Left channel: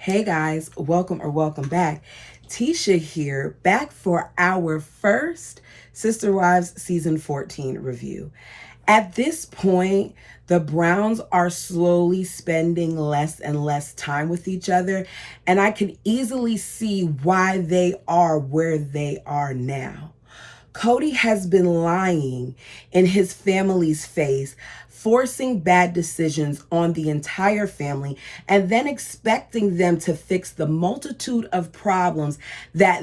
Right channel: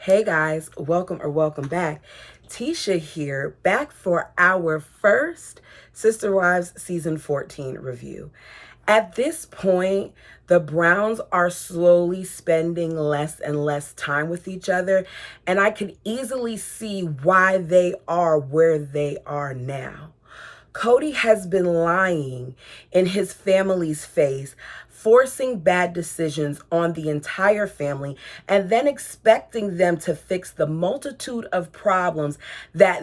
Hey guys, welcome back. Tisha here, back for our first Sister Wives season 14 review. At this point, the Browns are slowly spending less and less time with each other, and I can easily see why they are where they are now. Cody has been lying in his family's face, forcing bad decisions on the entire family, and then expecting them to fix the multitude of problems that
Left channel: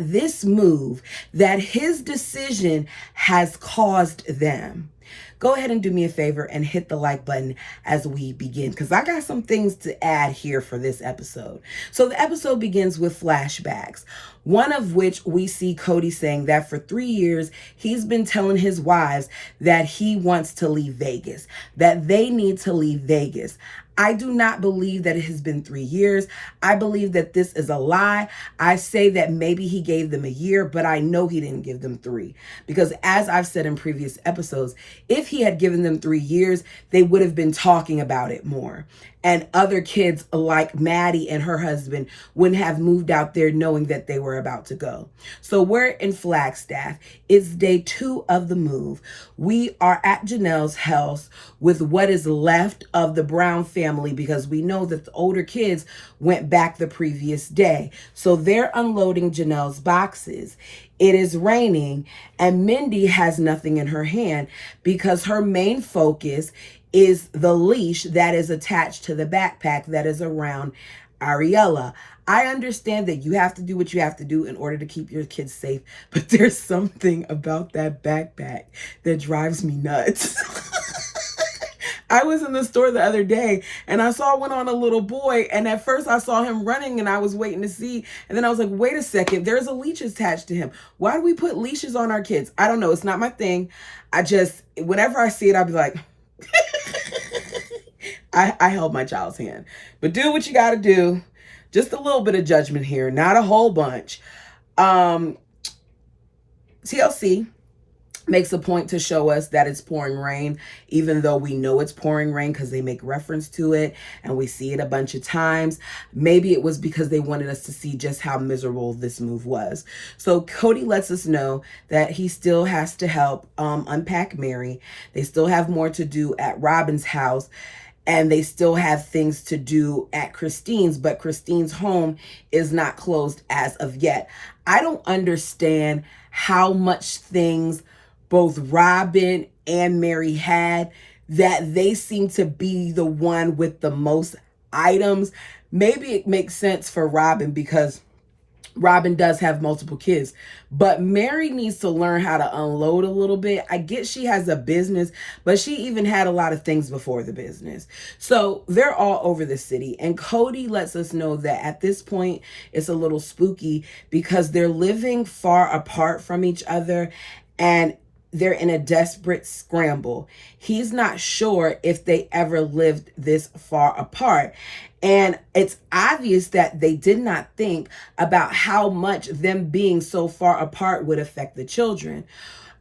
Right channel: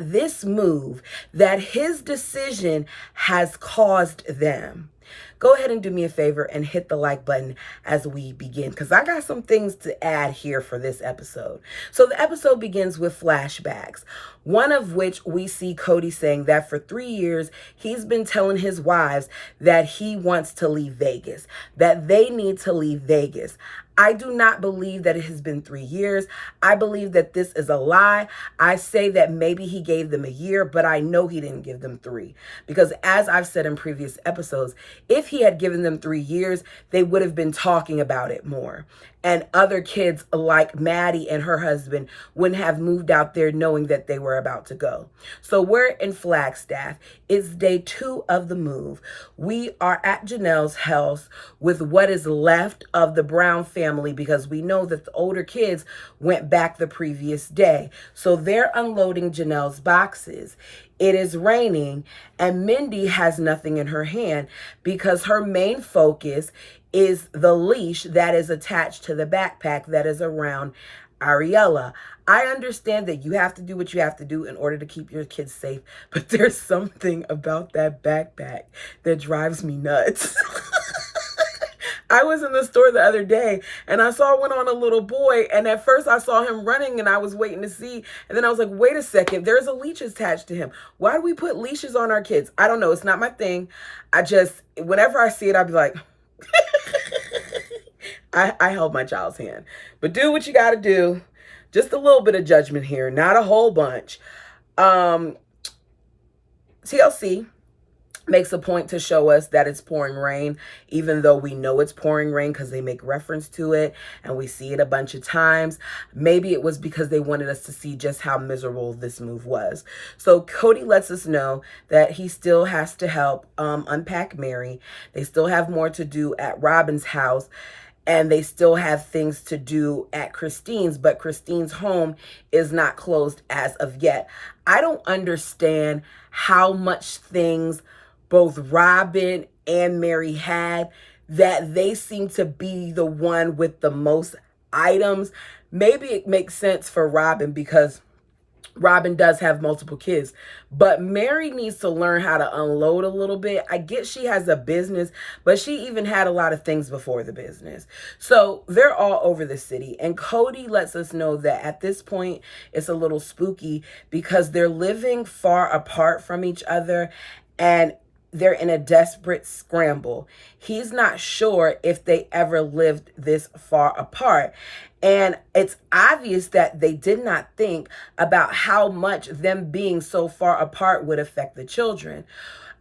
that his decision has caused them. Go ahead and do me a favor and hit the like button as we begin, because I got some things to add here for this episode. So the episode begins with flashbacks, one of which we see Cody saying that for 3 years, he's been telling his wives that he wants to leave Vegas, that they need to leave Vegas. I do not believe that it has been 3 years. I believe that this is a lie. I say that maybe he gave them a year, but I know he didn't give them 3. Because as I've said in previous episodes, if he had given them 3 years, they would have been talking about it more. And other kids like Maddie and her husband wouldn't have moved out there knowing that they were about to go. So we're in Flagstaff. It's day 2 of the move. We are at Janelle's house with what is left of the Brown family, because we know that the older kids went back the previous day. So they're unloading Janelle's boxes. It is raining and Mindy has nothing in her hand because her main focus is the leash that is attached to the backpack that is around Ariella. I understand that you have to do what you have to do in order to keep your kids safe, but there's something about that backpack that drives me nuts. I was in the store the other day and I saw one on a little boy, and at first I saw him running and I was waiting to see, and then I was like, wait a second, there's a leash attached to him. Why do we put leashes on our kids? I don't know. It's not my thing. Whenever I see it, I'll be like, I held my child's hand. But do what you got to do. Just a little bit of judgment here, not a whole bunch. TLC makes a point to show us that it's pouring rain, even though we know it's pouring rain because they make reference to it and we see it a bunch of times. Maybe it was because they wanted us to see just how miserable this move was. So Cody lets us know that he still has to help unpack Mary. They still have more to do at Robin's house, and they still have things to do at Christine's, but Christine's home is not closed as of yet. I don't understand how much things both Robin and Mary had that they seem to be the one with the most items. Maybe it makes sense for Robin because Robin does have multiple kids, but Mary needs to learn how to unload a little bit. I get she has a business, but she even had a lot of things before the business. So they're all over the city. And Cody lets us know that at this point, it's a little spooky because they're living far apart from each other and they're in a desperate scramble. He's not sure if they ever lived this far apart. And it's obvious that they did not think about how much them being so far apart would affect the children.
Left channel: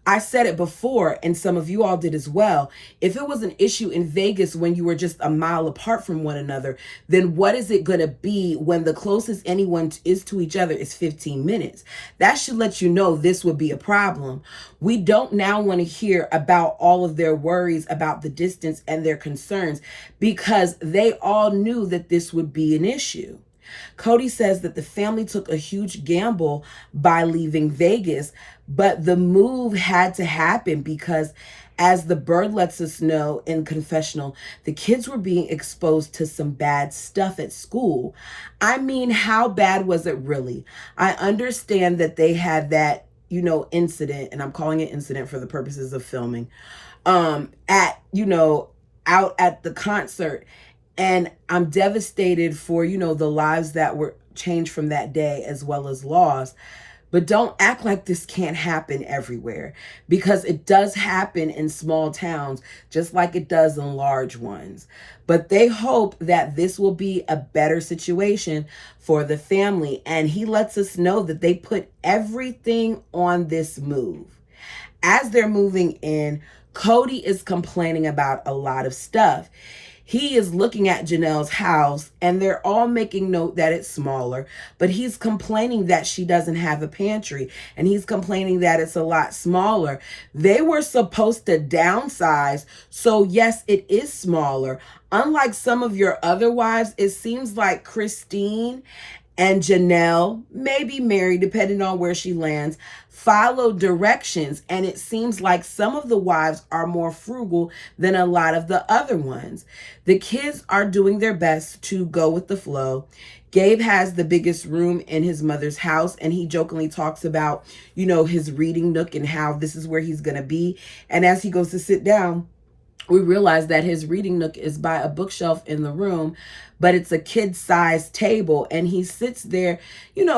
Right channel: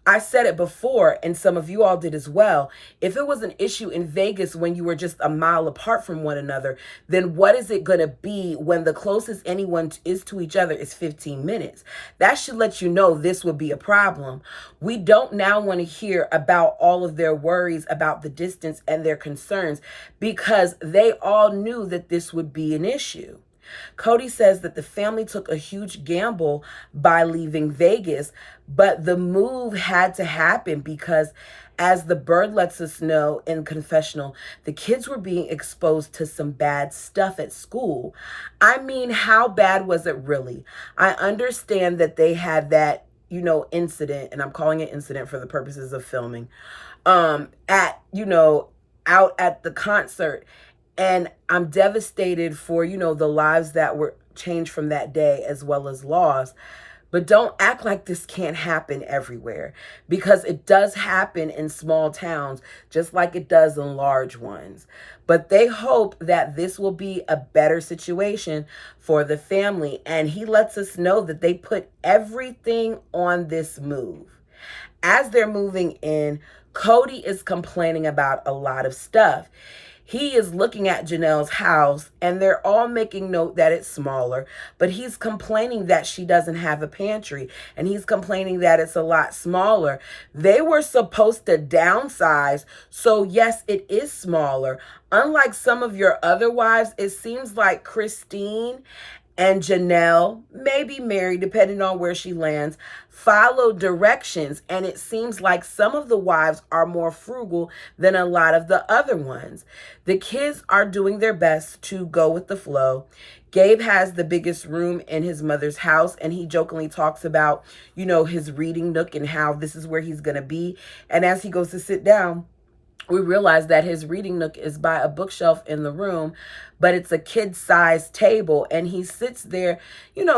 I said it before, and some of you all did as well. If it was an issue in Vegas when you were just a mile apart from one another, then what is it going to be when the closest anyone is to each other is 15 minutes? That should let you know this would be a problem. We don't now want to hear about all of their worries about the distance and their concerns because they all knew that this would be an issue. Cody says that the family took a huge gamble by leaving Vegas, but the move had to happen because, as the bird lets us know in confessional, the kids were being exposed to some bad stuff at school. I mean, how bad was it really? I understand that they had that, incident, and I'm calling it incident for the purposes of filming, out at the concert. And I'm devastated for, the lives that were changed from that day as well as lost. But don't act like this can't happen everywhere, because it does happen in small towns, just like it does in large ones. But they hope that this will be a better situation for the family. And he lets us know that they put everything on this move. As they're moving in, Cody is complaining about a lot of stuff. He is looking at Janelle's house and they're all making note that it's smaller, but he's complaining that she doesn't have a pantry and he's complaining that it's a lot smaller. They were supposed to downsize, so yes, it is smaller. Unlike some of your other wives, it seems like Christine and Janelle, maybe Mary, depending on where she lands, follow directions. And it seems like some of the wives are more frugal than a lot of the other ones. The kids are doing their best to go with the flow. Gabe has the biggest room in his mother's house, and he jokingly talks about, his reading nook and how this is where he's going to be. And as he goes to sit down, we realize that his reading nook is by a bookshelf in the room, but it's a kid-sized table. And he sits there,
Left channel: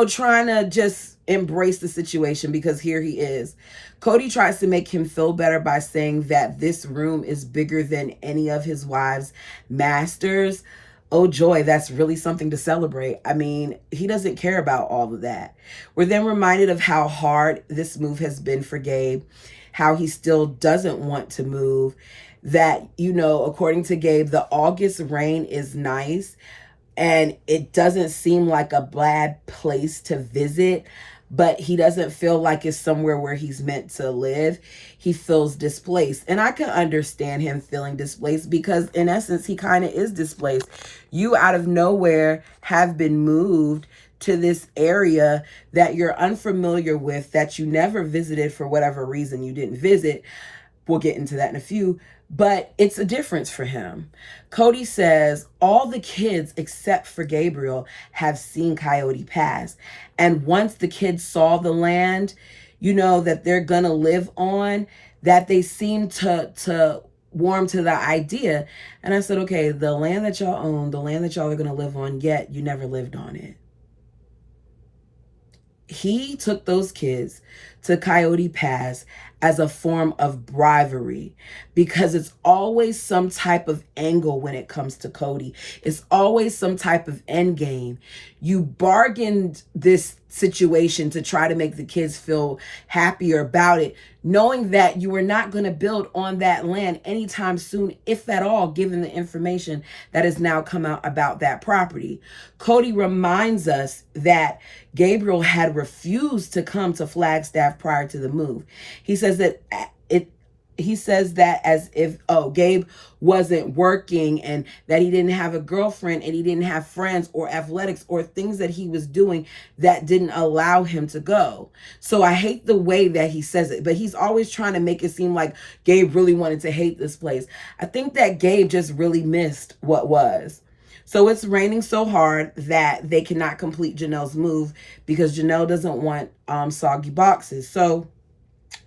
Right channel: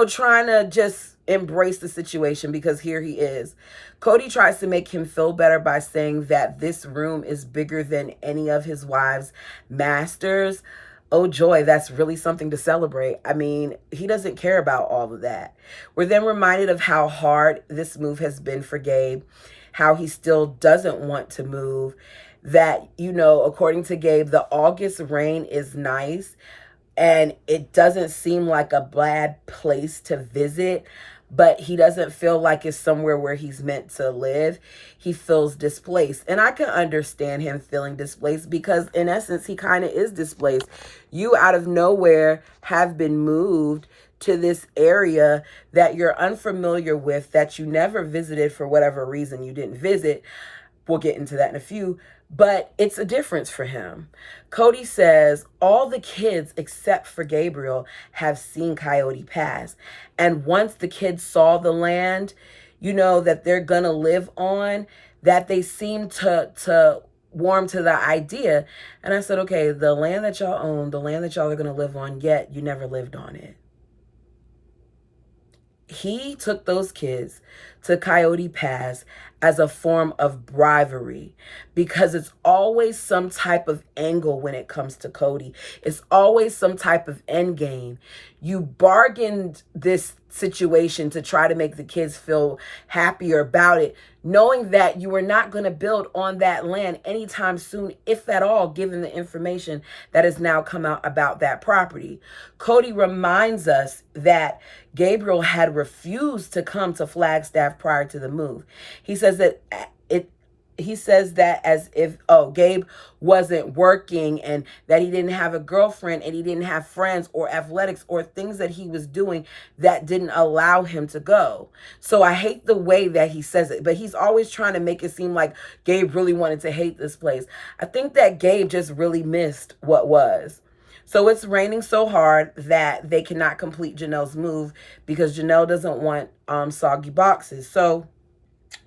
trying to just embrace the situation because here he is. Cody tries to make him feel better by saying that this room is bigger than any of his wives' masters. Oh, joy, that's really something to celebrate. I mean, he doesn't care about all of that. We're then reminded of how hard this move has been for Gabe, how he still doesn't want to move. That, according to Gabe, the August rain is nice and it doesn't seem like a bad place to visit, but he doesn't feel like it's somewhere where he's meant to live. He feels displaced. And I can understand him feeling displaced because in essence, he kind of is displaced. You out of nowhere have been moved to this area that you're unfamiliar with, that you never visited for whatever reason you didn't visit. We'll get into that in a few. But it's a difference for him. Cody says all the kids except for Gabriel have seen Coyote Pass. And once the kids saw the land, that they're going to live on, that they seem to warm to the idea. And I said, okay, the land that y'all own, the land that y'all are going to live on, yet you never lived on it. He took those kids to Coyote Pass as a form of bribery because it's always some type of angle when it comes to Cody. It's always some type of end game. You bargained this situation to try to make the kids feel happier about it, knowing that you were not going to build on that land anytime soon, if at all, given the information that has now come out about that property. Cody reminds us that Gabriel had refused to come to Flagstaff prior to the move. He says that as if, Gabe wasn't working and that he didn't have a girlfriend and he didn't have friends or athletics or things that he was doing that didn't allow him to go. So I hate the way that he says it, but he's always trying to make it seem like Gabe really wanted to hate this place. I think that Gabe just really missed what was. So it's raining so hard that they cannot complete Janelle's move because Janelle doesn't want soggy boxes. So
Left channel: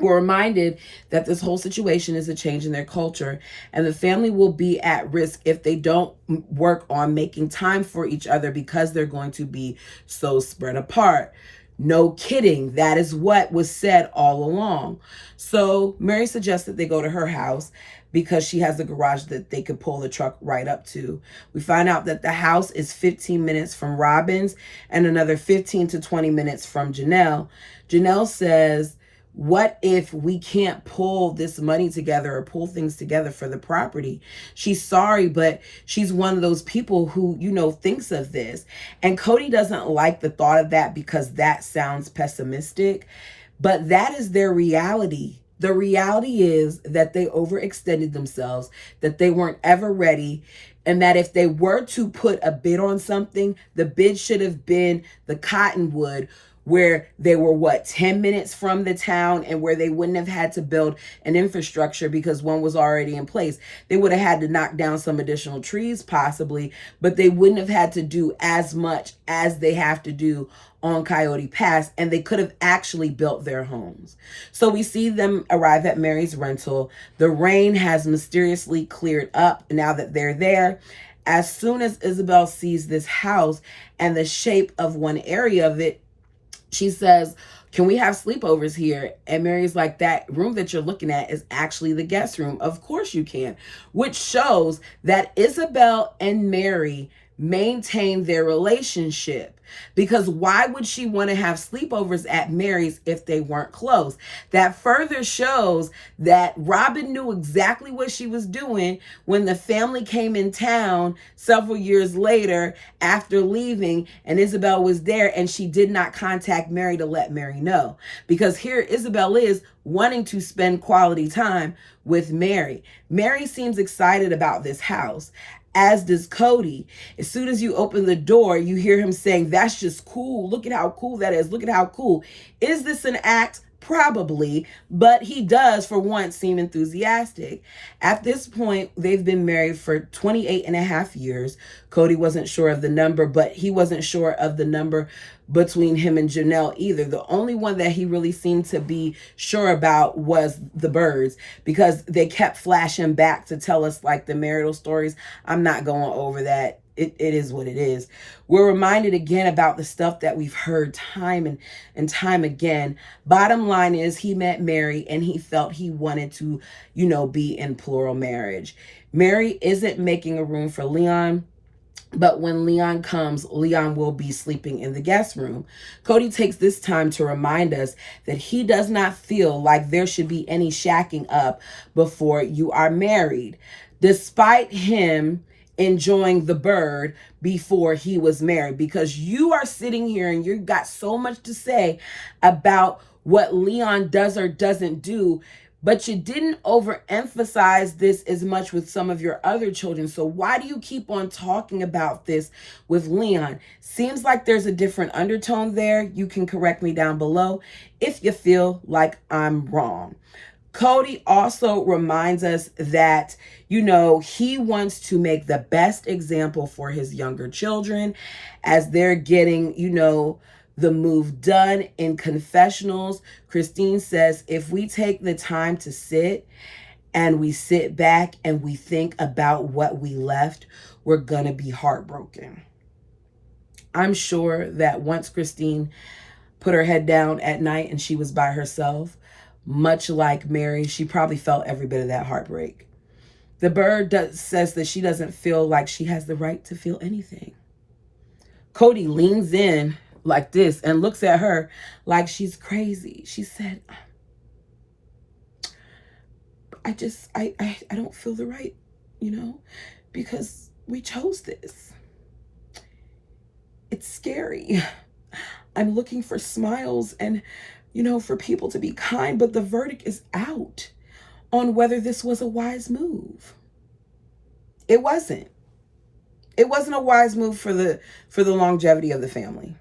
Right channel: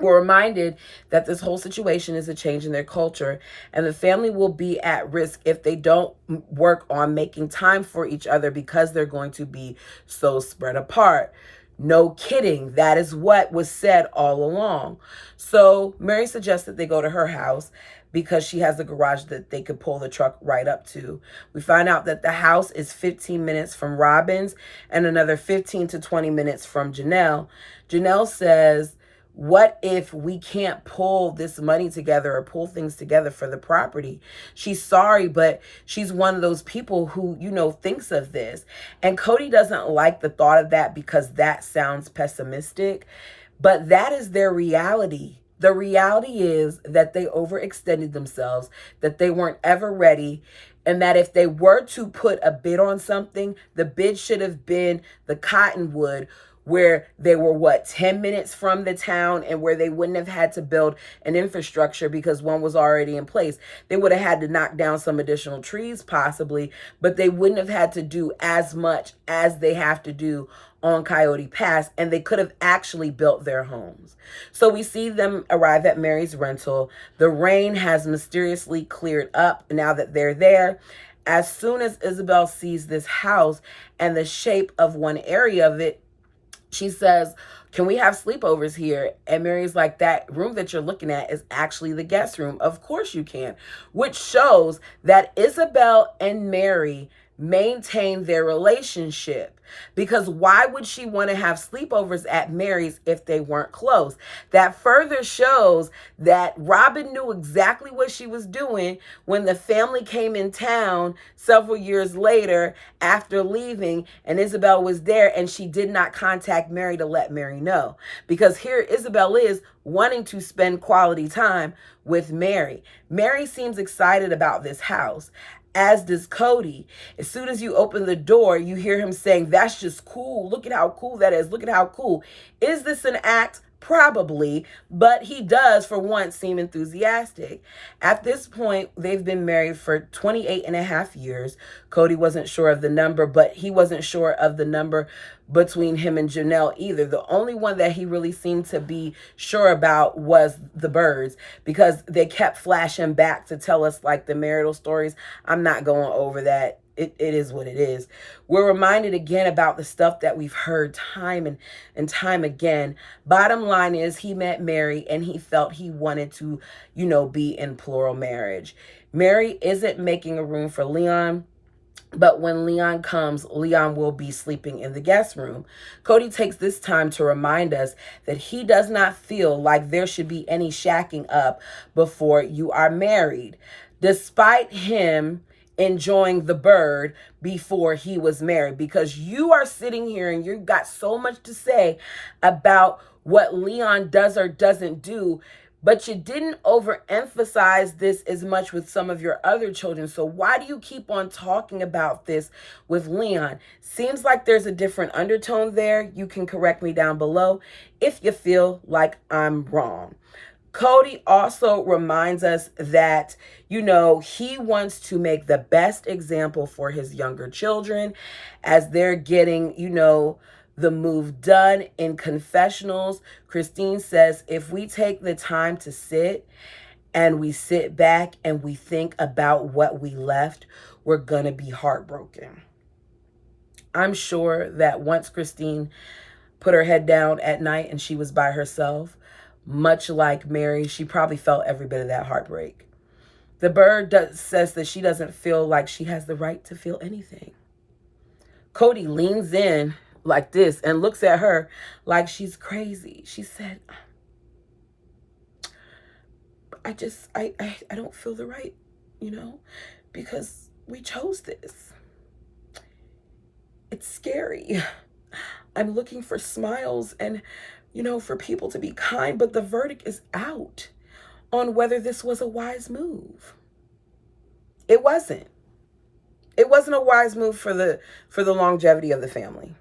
we're reminded that this whole situation is a change in their culture, and the family will be at risk if they don't work on making time for each other because they're going to be so spread apart. No kidding. That is what was said all along. So Mary suggests that they go to her house because she has a garage that they could pull the truck right up to. We find out that the house is 15 minutes from Robin's and another 15 to 20 minutes from Janelle. Janelle says, what if we can't pull this money together or pull things together for the property? She's sorry, but she's one of those people who, thinks of this. And Cody doesn't like the thought of that because that sounds pessimistic, but that is their reality. The reality is that they overextended themselves, that they weren't ever ready, and that if they were to put a bid on something, the bid should have been the Cottonwood, where they were 10 minutes from the town and where they wouldn't have had to build an infrastructure because one was already in place. They would have had to knock down some additional trees possibly, but they wouldn't have had to do as much as they have to do on Coyote Pass, and they could have actually built their homes. So we see them arrive at Mary's rental. The rain has mysteriously cleared up now that they're there. As soon as Isabel sees this house and the shape of one area of it, she says, can we have sleepovers here? And Mary's like, that room that you're looking at is actually the guest room. Of course you can. Which shows that Isabel and Mary maintain their relationship. Because why would she want to have sleepovers at Mary's if they weren't close? That further shows that Robin knew exactly what she was doing when the family came in town several years later after leaving, and Isabel was there, and she did not contact Mary to let Mary know. Because here Isabel is wanting to spend quality time with Mary. Mary seems excited about this house, as does Cody. As soon as you open the door, you hear him saying, "That's just cool. Look at how cool that is. Look at how cool." Is this an act? Probably, but he does for once seem enthusiastic. At this point, they've been married for 28 and a half years. Cody wasn't sure of the number, but he wasn't sure of the number between him and Janelle either. The only one that he really seemed to be sure about was the birds, because they kept flashing back to tell us like the marital stories. I'm not going over that. It is what it is. We're reminded again about the stuff that we've heard time and time again. Bottom line is, he met Mary and he felt he wanted to, be in plural marriage. Mary isn't making a room for Leon, but when Leon comes, Leon will be sleeping in the guest room. Cody takes this time to remind us that he does not feel like there should be any shacking up before you are married, despite him enjoying the bird before he was married. Because you are sitting here and you've got so much to say about what Leon does or doesn't do, but you didn't overemphasize this as much with some of your other children. So why do you keep on talking about this with Leon? Seems like there's a different undertone there. You can correct me down below if you feel like I'm wrong. Cody also reminds us that, he wants to make the best example for his younger children as they're getting, the move done in confessionals. Christine says, if we take the time to sit and we sit back and we think about what we left, we're going to be heartbroken. I'm sure that once Christine put her head down at night and she was by herself, much like Mary, she probably felt every bit of that heartbreak. The bird says that she doesn't feel like she has the right to feel anything. Cody leans in like this and looks at her like she's crazy. She said, I don't feel the right, because we chose this. It's scary. I'm looking for smiles and, for people to be kind, but the verdict is out on whether this was a wise move. It wasn't. It wasn't a wise move for the longevity of the family.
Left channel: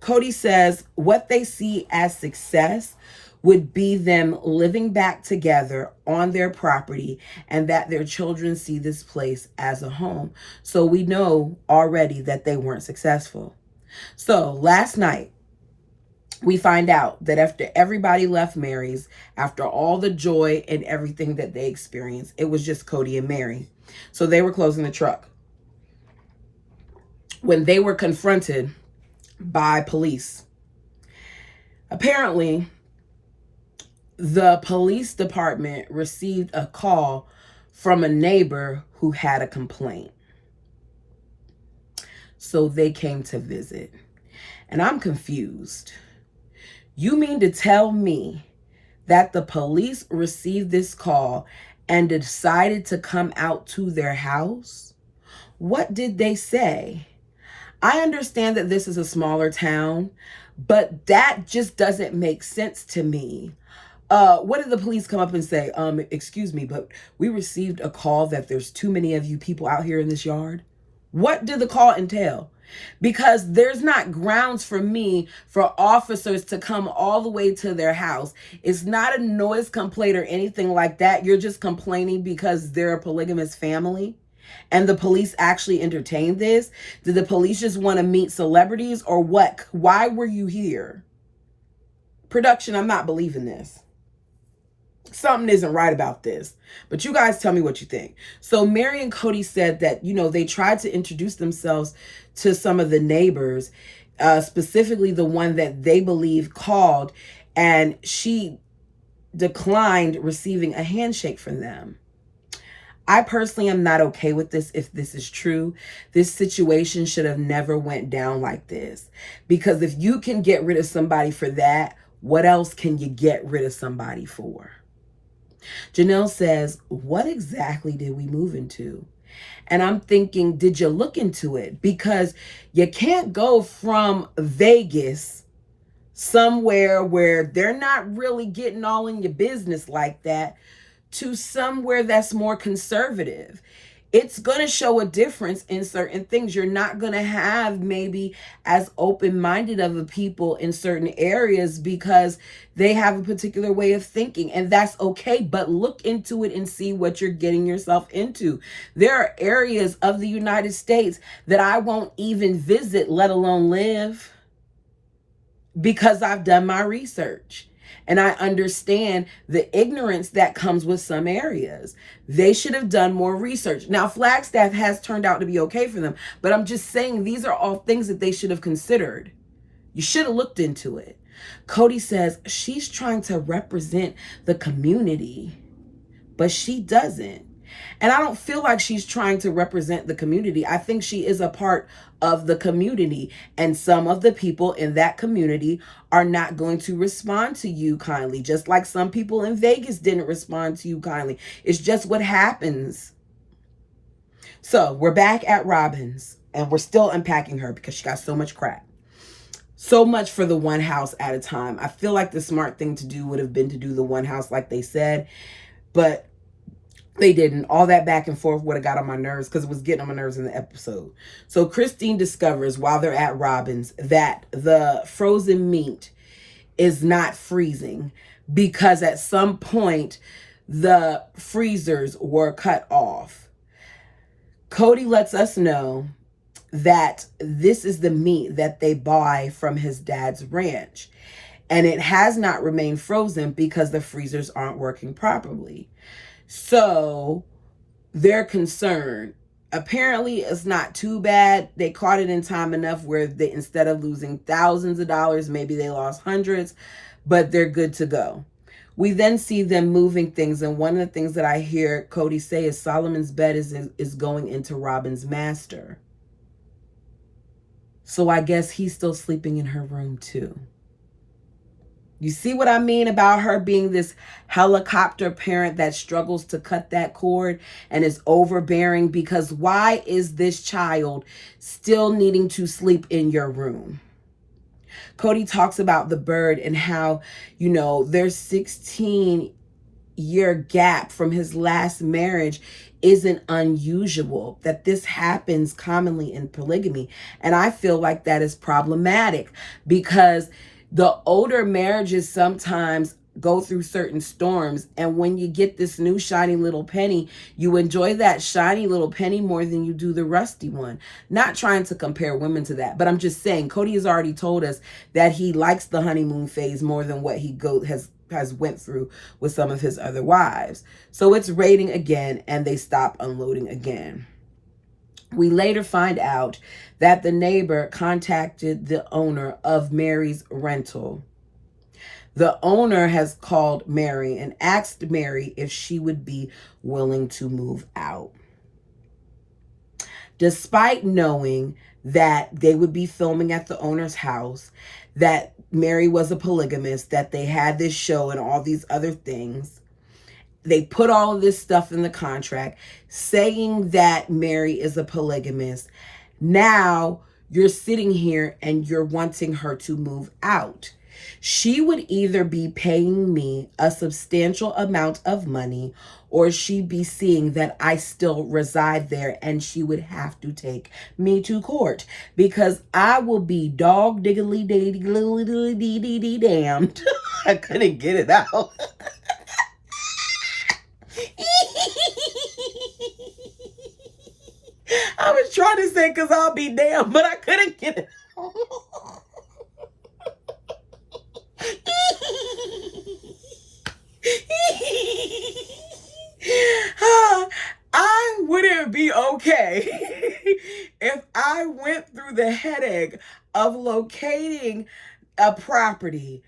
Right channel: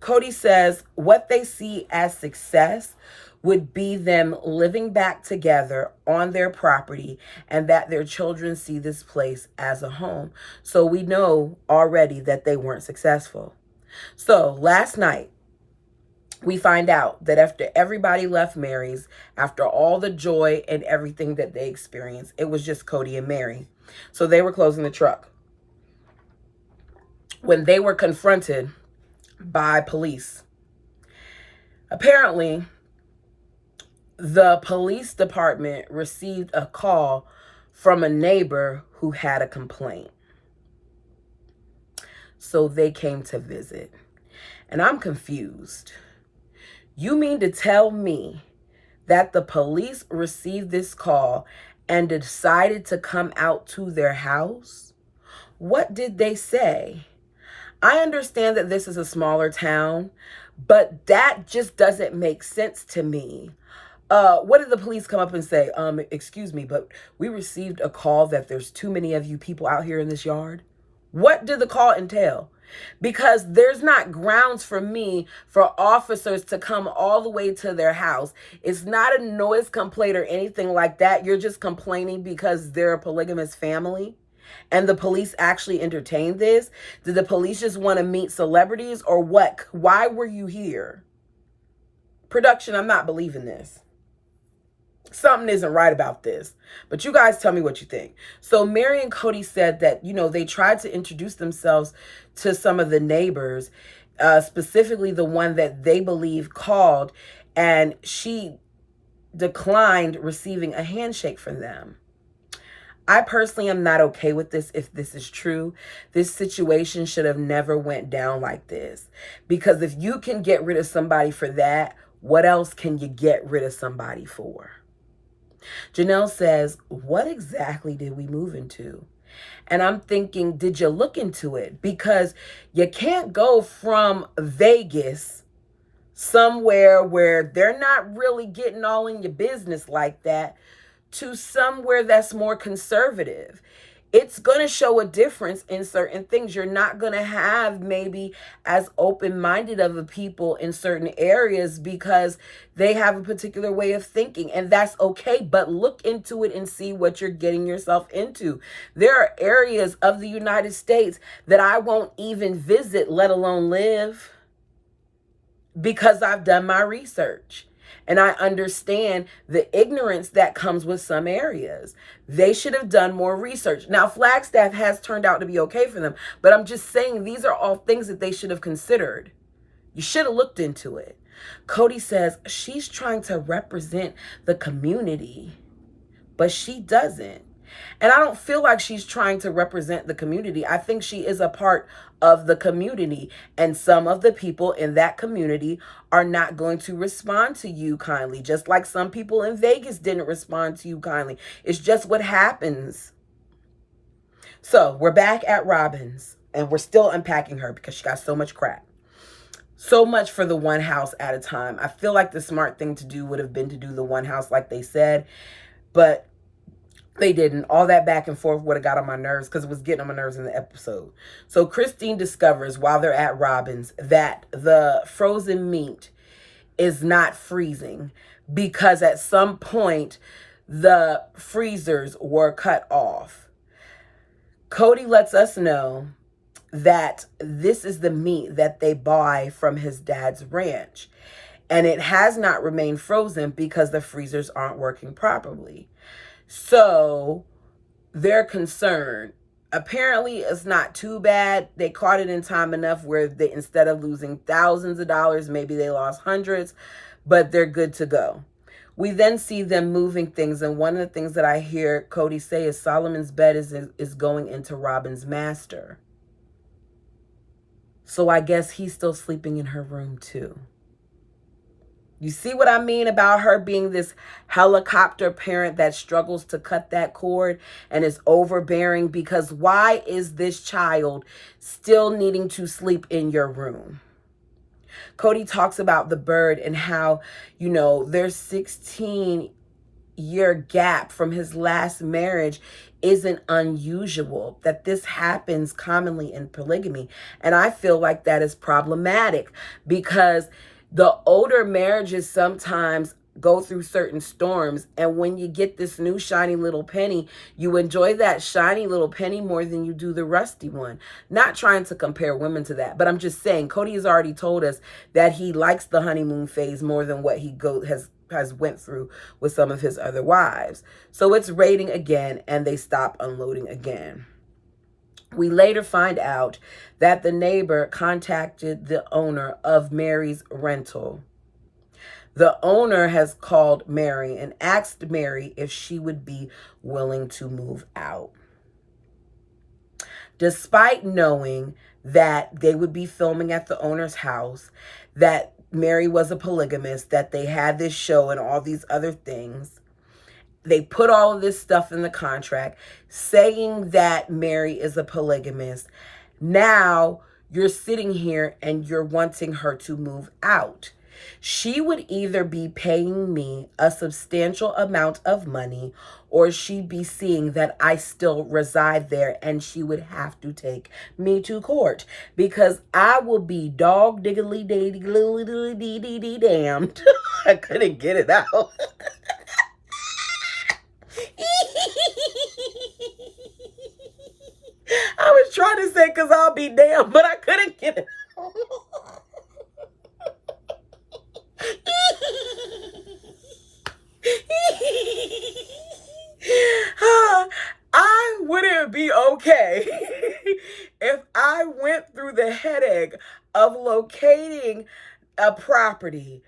Cody says what they see as success would be them living back together on their property, and that their children see this place as a home. So we know already that they weren't successful. So last night, we find out that after everybody left Mary's, after all the joy and everything that they experienced, it was just Cody and Mary. So they were closing the truck when they were confronted by police. Apparently, the police department received a call from a neighbor who had a complaint. So they came to visit. And I'm confused. You mean to tell me that the police received this call and decided to come out to their house? What did they say? I understand that this is a smaller town, but that just doesn't make sense to me. What did the police come up and say? Excuse me, but we received a call that there's too many of you people out here in this yard. What did the call entail? Because there's not grounds for me for officers to come all the way to their house. It's not a noise complaint or anything like that. You're just complaining because they're a polygamous family. And the police actually entertained this. Did the police just want to meet celebrities or what? Why were you here? Production, I'm not believing this. Something isn't right about this. But you guys tell me what you think. So Mary and Cody said that, they tried to introduce themselves to some of the neighbors, specifically the one that they believe called, and she declined receiving a handshake from them. I personally am not okay with this. If this is true, this situation should have never went down like this. Because if you can get rid of somebody for that, what else can you get rid of somebody for? Janelle says, what exactly did we move into? And I'm thinking, did you look into it? Because you can't go from Vegas, somewhere where they're not really getting all in your business like that, to somewhere that's more conservative. It's going to show a difference in certain things. You're not going to have maybe as open-minded of a people in certain areas because they have a particular way of thinking, and that's okay. But look into it and see what you're getting yourself into. There are areas of the United States that I won't even visit, let alone live, because I've done my research. And I understand the ignorance that comes with some areas. They should have done more research. Now, Flagstaff has turned out to be okay for them, but I'm just saying these are all things that they should have considered. You should have looked into it. Cody says she's trying to represent the community, but she doesn't. And I don't feel like she's trying to represent the community. I think she is a part of the community. And some of the people in that community are not going to respond to you kindly, just like some people in Vegas didn't respond to you kindly. It's just what happens. So we're back at Robin's, and we're still unpacking her because she got so much crap. So much for the one house at a time. I feel like the smart thing to do would have been to do the one house like they said, but they didn't. All that back and forth would have got on my nerves because it was getting on my nerves in the episode. So Christine discovers while they're at Robin's that the frozen meat is not freezing because at some point the freezers were cut off. Cody lets us know that this is the meat that they buy from his dad's ranch. And it has not remained frozen because the freezers aren't working properly. So they're concerned. Apparently, it's not too bad. They caught it in time enough where they, instead of losing thousands of dollars, maybe they lost hundreds, but they're good to go. We then see them moving things. And one of the things that I hear Cody say is Solomon's bed is going into Robin's master. So I guess he's still sleeping in her room too. You see what I mean about her being this helicopter parent that struggles to cut that cord and is overbearing? Because why is this child still needing to sleep in your room? Cody talks about the bird and how, their 16-year gap from his last marriage isn't unusual, that this happens commonly in polygamy. And I feel like that is problematic because the older marriages sometimes go through certain storms. And when you get this new shiny little penny, you enjoy that shiny little penny more than you do the rusty one. Not trying to compare women to that, but I'm just saying Cody has already told us that he likes the honeymoon phase more than what he has went through with some of his other wives. So it's raining again and they stop unloading again. We later find out that the neighbor contacted the owner of Mary's rental. The owner has called Mary and asked Mary if she would be willing to move out. Despite knowing that they would be filming at the owner's house, that Mary was a polygamist, that they had this show and all these other things, they put all of this stuff in the contract saying that Mary is a polygamist. Now you're sitting here and you're wanting her to move out. She would either be paying me a substantial amount of money or she'd be seeing that I still reside there and she would have to take me to court because I will be dog diggly damned. I couldn't get it out. I was trying to say because I'll be damned, but I couldn't get it out. I wouldn't be okay if I went through the headache of locating a property,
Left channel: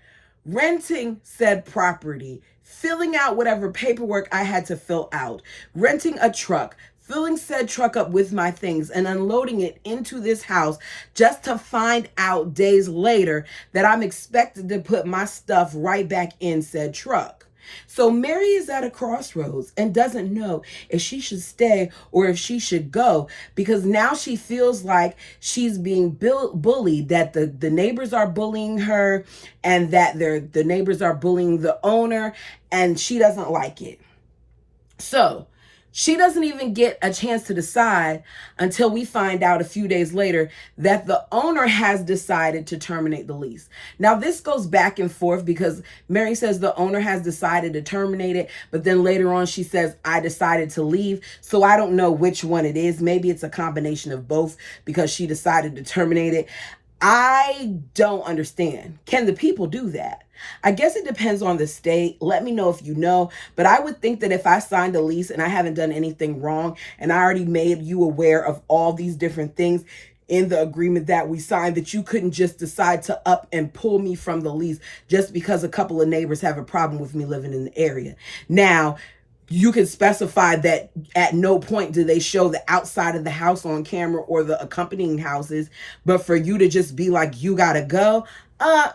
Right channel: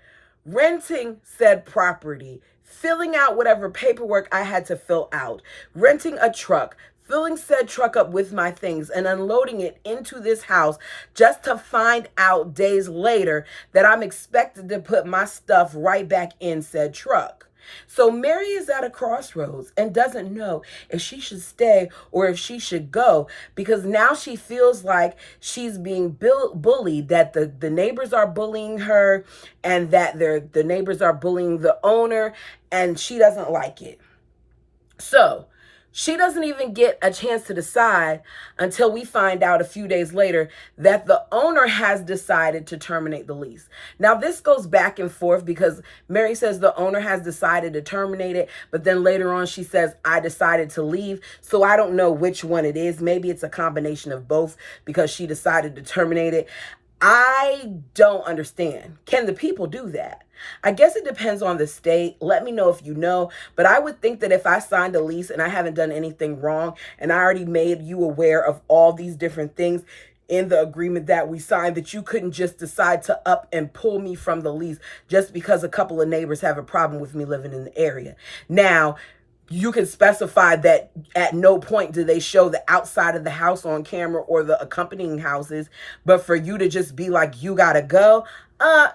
renting said property, filling out whatever paperwork I had to fill out, renting a truck, filling said truck up with my things and unloading it into this house just to find out days later that I'm expected to put my stuff right back in said truck. So Mary is at a crossroads and doesn't know if she should stay or if she should go, because now she feels like she's being bullied, that the neighbors are bullying her and that the neighbors are bullying the owner, and she doesn't like it. So she doesn't even get a chance to decide until we find out a few days later that the owner has decided to terminate the lease. Now, this goes back and forth because Mary says the owner has decided to terminate it, but then later on she says, I decided to leave. So I don't know which one it is. Maybe it's a combination of both because she decided to terminate it. I don't understand. Can the people do that? I guess it depends on the state. Let me know if you know. But I would think that if I signed a lease and I haven't done anything wrong and I already made you aware of all these different things in the agreement that we signed, that you couldn't just decide to up and pull me from the lease just because a couple of neighbors have a problem with me living in the area. Now, you can specify that at no point do they show the outside of the house on camera or the accompanying houses, but for you to just be like, you gotta go,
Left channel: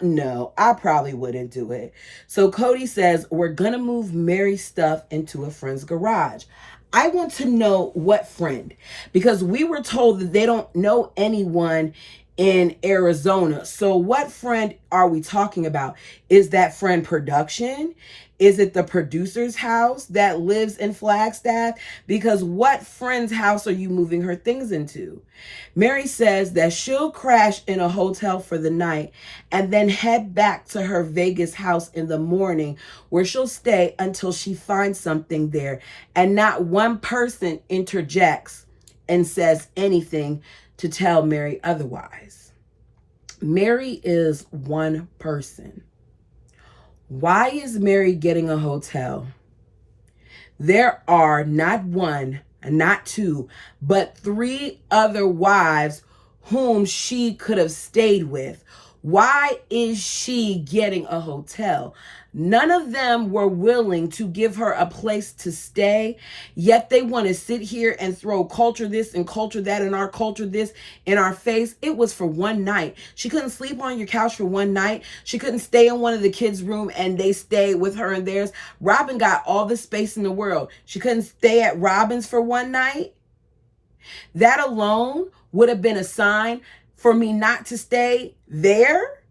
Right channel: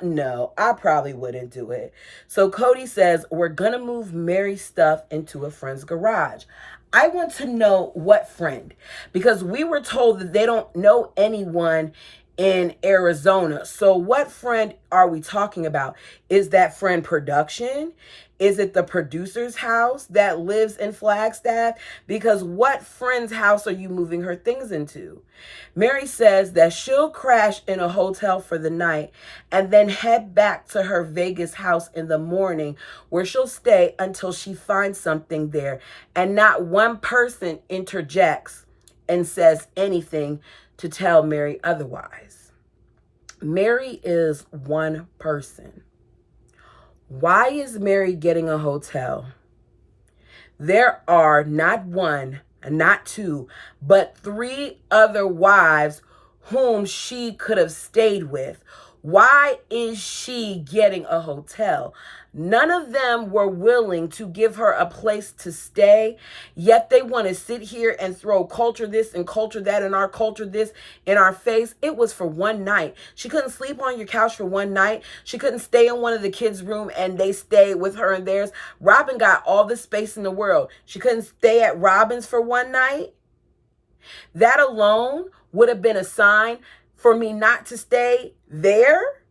no, I probably wouldn't do it. So Cody says, we're gonna move Mary's stuff into a friend's garage. I want to know what friend, because we were told that they don't know anyone in Arizona. So what friend are we talking about? Is that friend production? Is it the producer's house that lives in Flagstaff? Because what friend's house are you moving her things into? Mary says that she'll crash in a hotel for the night and then head back to her Vegas house in the morning, where she'll stay until she finds something there. And not one person interjects and says anything to tell Mary otherwise. Mary is one person. Why is Mary getting a hotel? There are not one, not two, but three other wives whom she could have stayed with. Why is she getting a hotel? None of them were willing to give her a place to stay, yet they want to sit here and throw culture this and culture that and our culture this in our face. It was for one night. She couldn't sleep on your couch for one night. She couldn't stay in one of the kids' room and they stayed with her and theirs. Robin got all the space in the world. She couldn't stay at Robin's for one night. That alone would have been a sign for me not to stay there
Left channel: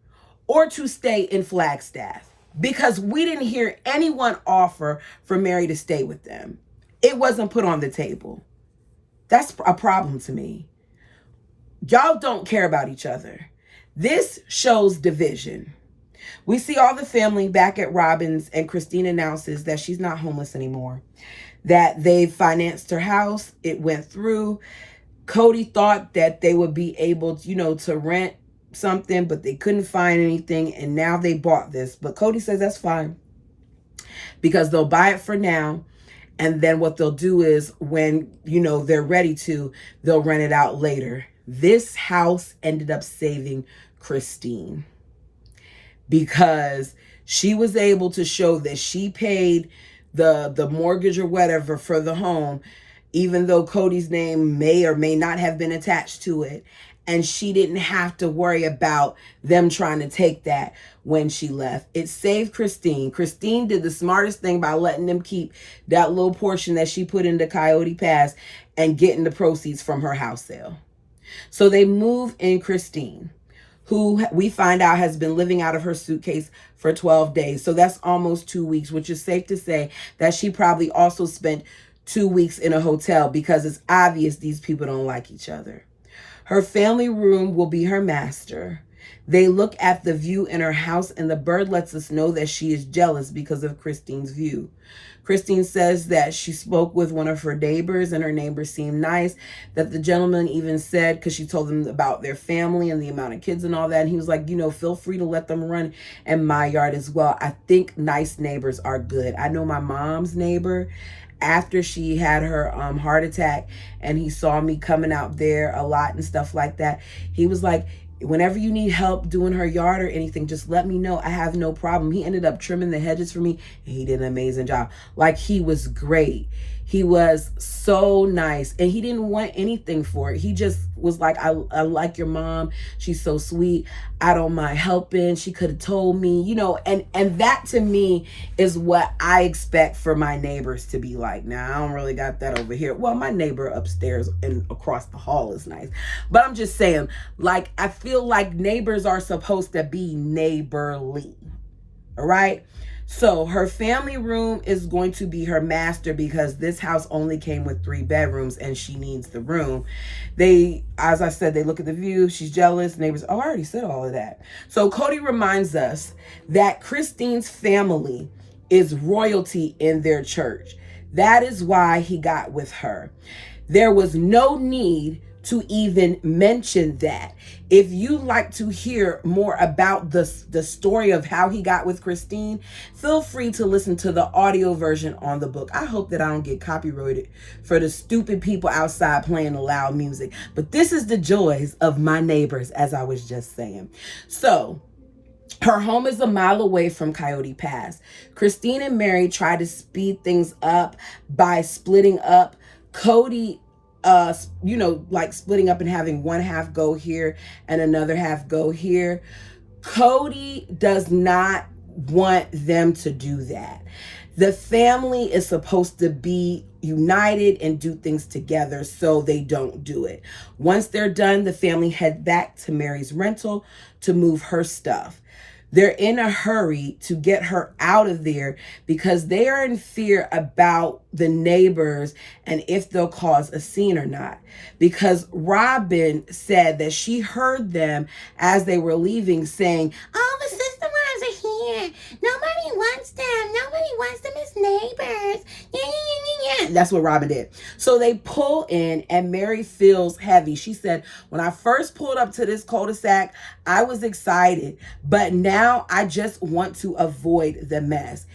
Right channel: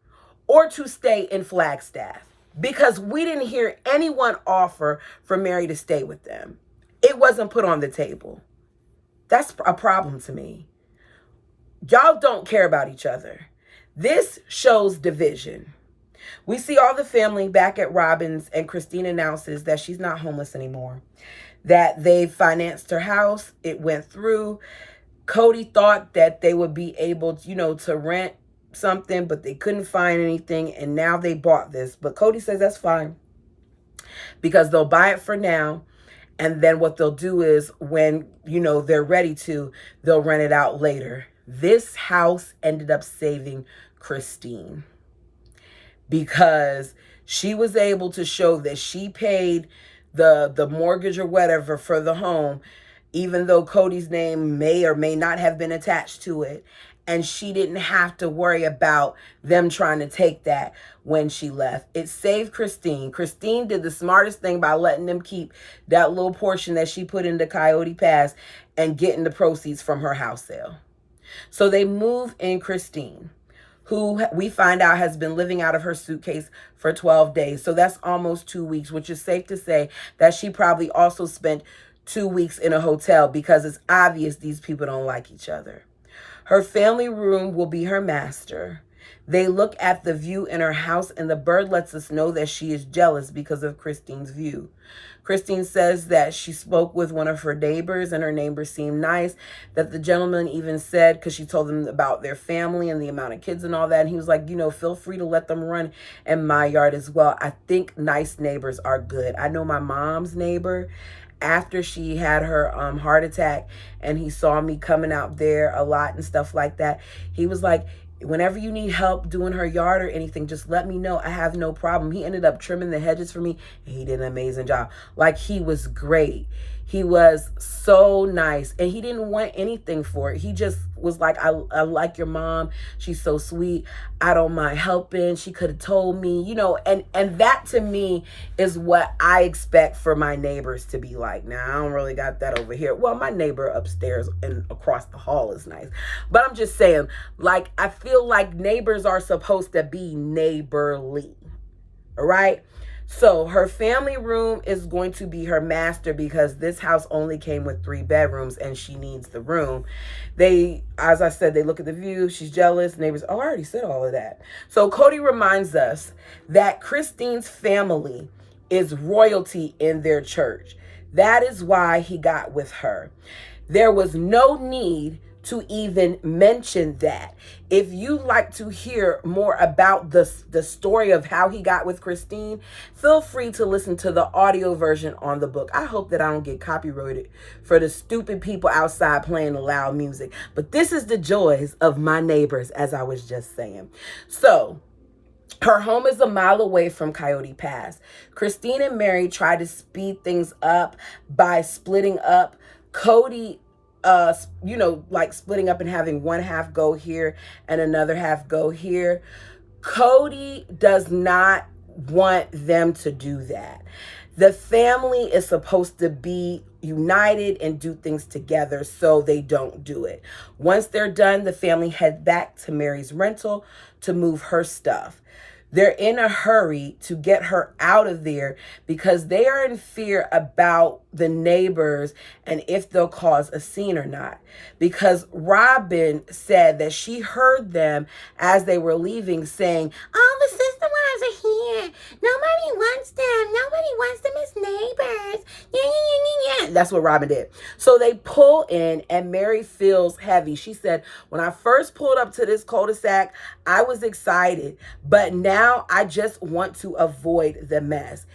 or to stay in Flagstaff, because we didn't hear anyone offer for Mary to stay with them. It wasn't put on the table. That's a problem to me. Y'all don't care about each other. This shows division. We see all the family back at Robin's, and Christine announces that she's not homeless anymore, that they've financed her house. It went through. Cody thought that they would be able to, to rent something, but they couldn't find anything, and now they bought this. But Cody says that's fine, because they'll buy it for now, and then what they'll do is when, they're ready to, they'll rent it out later. This house ended up saving Christine, because she was able to show that she paid the mortgage or whatever for the home, even though Cody's name may or may not have been attached to it. And she didn't have to worry about them trying to take that when she left. It saved Christine. Christine did the smartest thing by letting them keep that little portion that she put into Coyote Pass and getting the proceeds from her house sale. So they move in Christine, who we find out has been living out of her suitcase for 12 days. So that's almost 2 weeks, which is safe to say that she probably also spent 2 weeks in a hotel, because it's obvious these people don't like each other. Her family room will be her master. They look at the view in her house, and the bird lets us know that she is jealous because of Christine's view. Christine says that she spoke with one of her neighbors, and her neighbor seemed nice, that the gentleman even said, because she told them about their family and the amount of kids and all that, and he was like, feel free to let them run in my yard as well. I think nice neighbors are good. I know my mom's neighbor, after she had her heart attack and he saw me coming out there a lot and stuff like that, he was like, Whenever you need help doing her yard or anything, just let me know. I have no problem. He ended up trimming the hedges for me, and he did an amazing job. Like, he was great. He was so nice, and he didn't want anything for it. He just was like, I like your mom. She's so sweet. I don't mind helping. She could have told me, you know, and that to me is what I expect for my neighbors to be like. Now, I don't really got that over here. Well, my neighbor upstairs and across the hall is nice, but I'm just saying, like, I feel like neighbors are supposed to be neighborly. All right. So her family room is going to be her master because this house only came with 3 bedrooms and she needs the room. They, as I said, they look at the view. She's jealous. Neighbors, oh, I already said all of that. So Cody reminds us that Christine's family is royalty in their church. That is why he got with her. There was no need to even mention that. If you like to hear more about the story of how he got with Christine, feel free to listen to the audio version on the book. I hope that I don't get copyrighted for the stupid people outside playing the loud music. But this is the joys of my neighbors, as I was just saying. So, her home is a mile away from Coyote Pass. Christine and Mary try to speed things up by splitting up. Cody, like splitting up and having one half go here and another half go here. Cody does not want them to do that. The family is supposed to be united and do things together, so they don't do it. Once they're done, the family head back to Mary's rental to move her stuff. They're in a hurry to get her out of there because they are in fear about the neighbors and if they'll cause a scene or not. Because Robin said that she heard them as they were leaving saying, "Oh, the sister wives are here. Nobody wants them. Nobody wants them as neighbors. Yeah, yeah, yeah, yeah, yeah." That's what Robin did. So they pull in and Mary feels heavy. She said, "When I first pulled up to this cul-de-sac, I was excited, but now I just want to avoid the mess."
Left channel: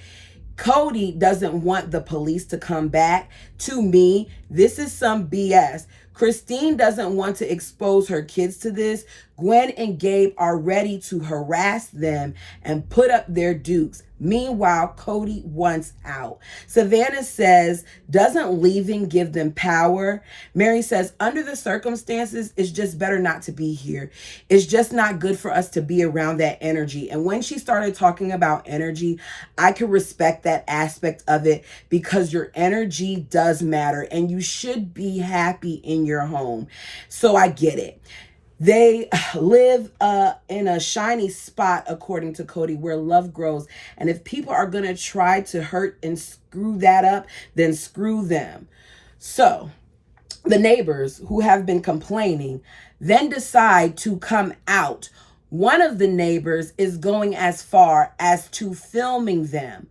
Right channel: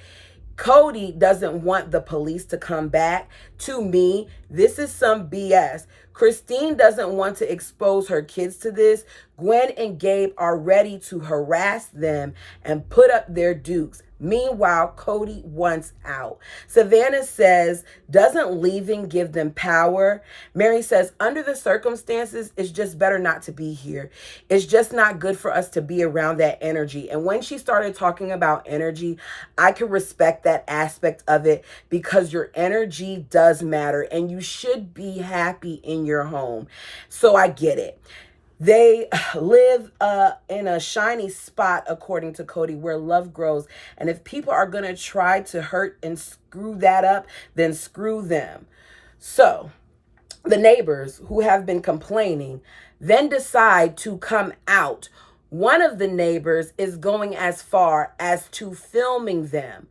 Cody doesn't want the police to come back. To me, this is some BS. Christine doesn't want to expose her kids to this. Gwen and Gabe are ready to harass them and put up their dukes. Meanwhile, Cody wants out. Savannah says, "Doesn't leaving give them power?" Mary says, "Under the circumstances, it's just better not to be here. It's just not good for us to be around that energy." And when she started talking about energy, I could respect that aspect of it because your energy does matter and you should be happy in your home. So I get it. They live in a shiny spot, according to Cody, where love grows. And if people are going to try to hurt and screw that up, then screw them. So the neighbors who have been complaining then decide to come out. One of the neighbors is going as far as to filming them.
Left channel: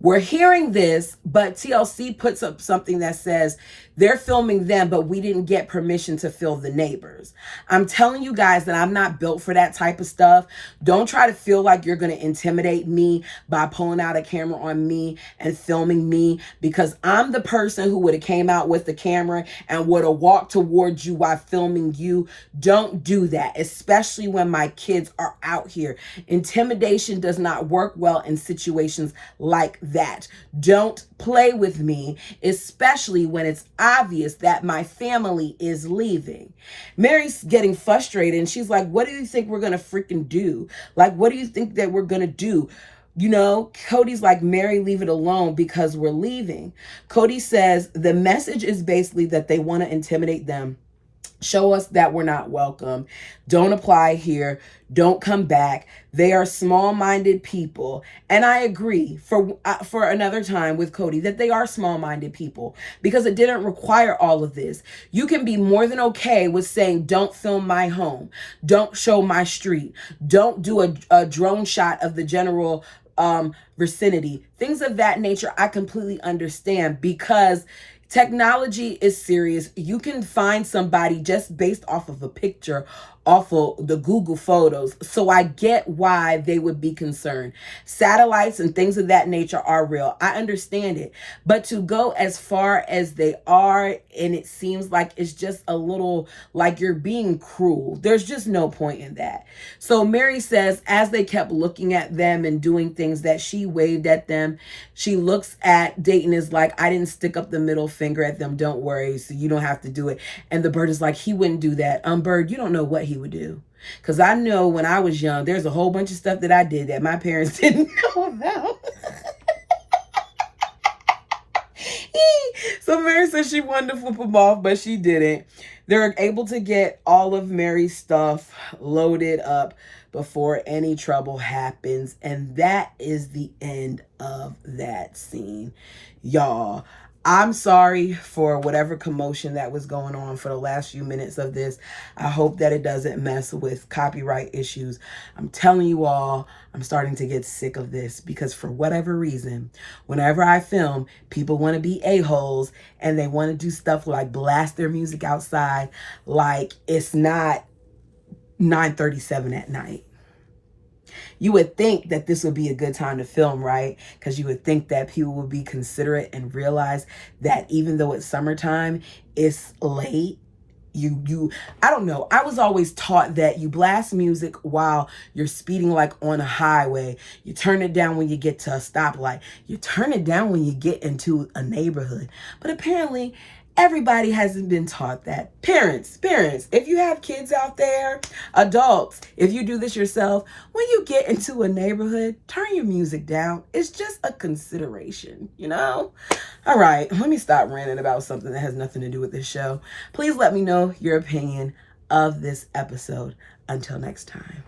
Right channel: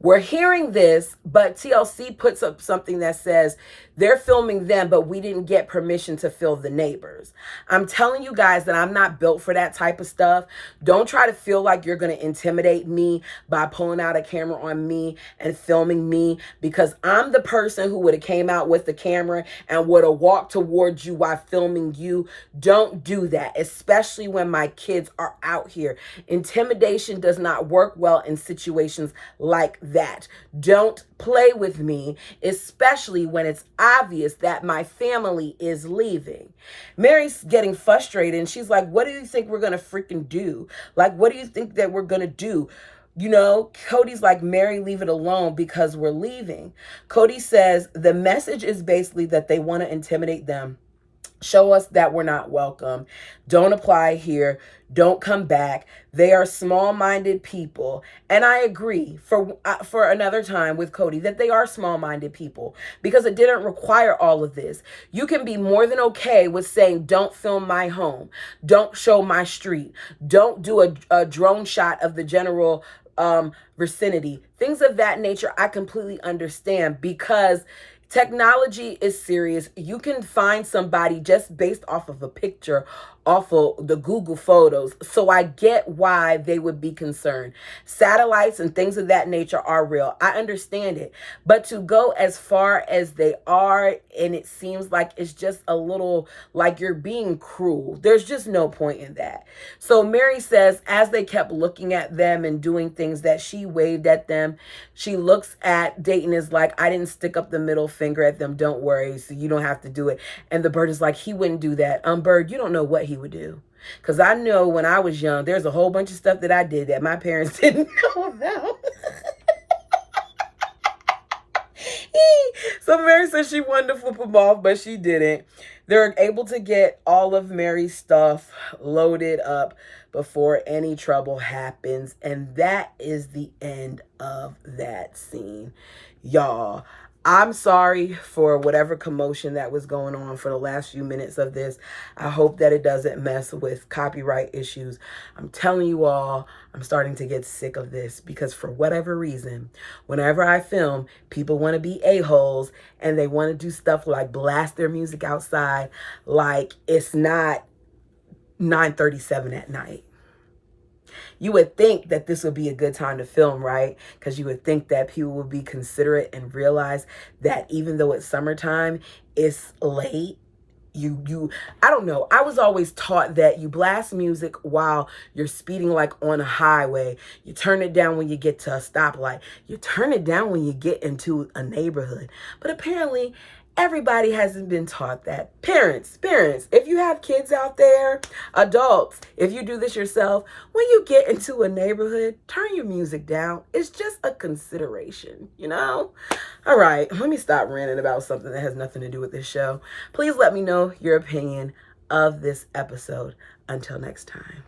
We're hearing this, but TLC puts up something that says they're filming them, but we didn't get permission to film the neighbors. I'm telling you guys that I'm not built for that type of stuff. Don't try to feel like you're going to intimidate me by pulling out a camera on me and filming me, because I'm the person who would have came out with the camera and would have walked towards you while filming you. Don't do that, especially when my kids are out here. Intimidation does not work well in situations like that. Don't play with me, especially when it's obvious that my family is leaving. Mary's getting frustrated and she's like, "What do you think we're going to freaking do? Like, what do you think that we're going to do?" You know, Cody's like, "Mary, leave it alone because we're leaving." Cody says the message is basically that they want to intimidate them. Show us that we're not welcome. Don't apply here. Don't come back. They are small-minded people. And I agree for another time with Cody that they are small-minded people because it didn't require all of this. You can be more than okay with saying, "Don't film my home. Don't show my street. Don't do a drone shot of the general vicinity." Things of that nature, I completely understand because technology is serious. You can find somebody just based off of a picture off of the Google photos. So I get why they would be concerned. Satellites and things of that nature are real. I understand it. But to go as far as they are, and it seems like it's just a little like you're being cruel. There's just no point in that. So Mary says, as they kept looking at them and doing things, that she waved at them. She looks at Dayton, is like, I didn't stick up the middle finger at them. Don't worry. So you don't have to do it. And the bird is like, he wouldn't do that. Bird, you don't know what he would do. Because I know when I was young, there's a whole bunch of stuff that I did that my parents didn't know about. So Mary says she wanted to flip them off, but she didn't. They're able to get all of Mary's stuff loaded up before any trouble happens. And that is the end of that scene. Y'all, I'm sorry for whatever commotion that was going on for the last few minutes of this. I hope that it doesn't mess with copyright issues. I'm telling you all, I'm starting to get sick of this because for whatever reason, whenever I film, people want to be a-holes and they want to do stuff like blast their music outside like it's not 9:37 at night. You would think that this would be a good time to film, right? Because you would think that people would be considerate and realize that even though it's summertime, it's late. I don't know. I was always taught that you blast music while you're speeding, like on a highway. You turn it down when you get to a stoplight. You turn it down when you get into a neighborhood. But apparently, everybody hasn't been taught that. Parents, if you have kids out there, adults, if you do this yourself, when you get into a neighborhood, turn your music down. It's just a consideration, you know? All right, let me stop ranting about something that has nothing to do with this show. Please let me know your opinion of this episode. Until next time.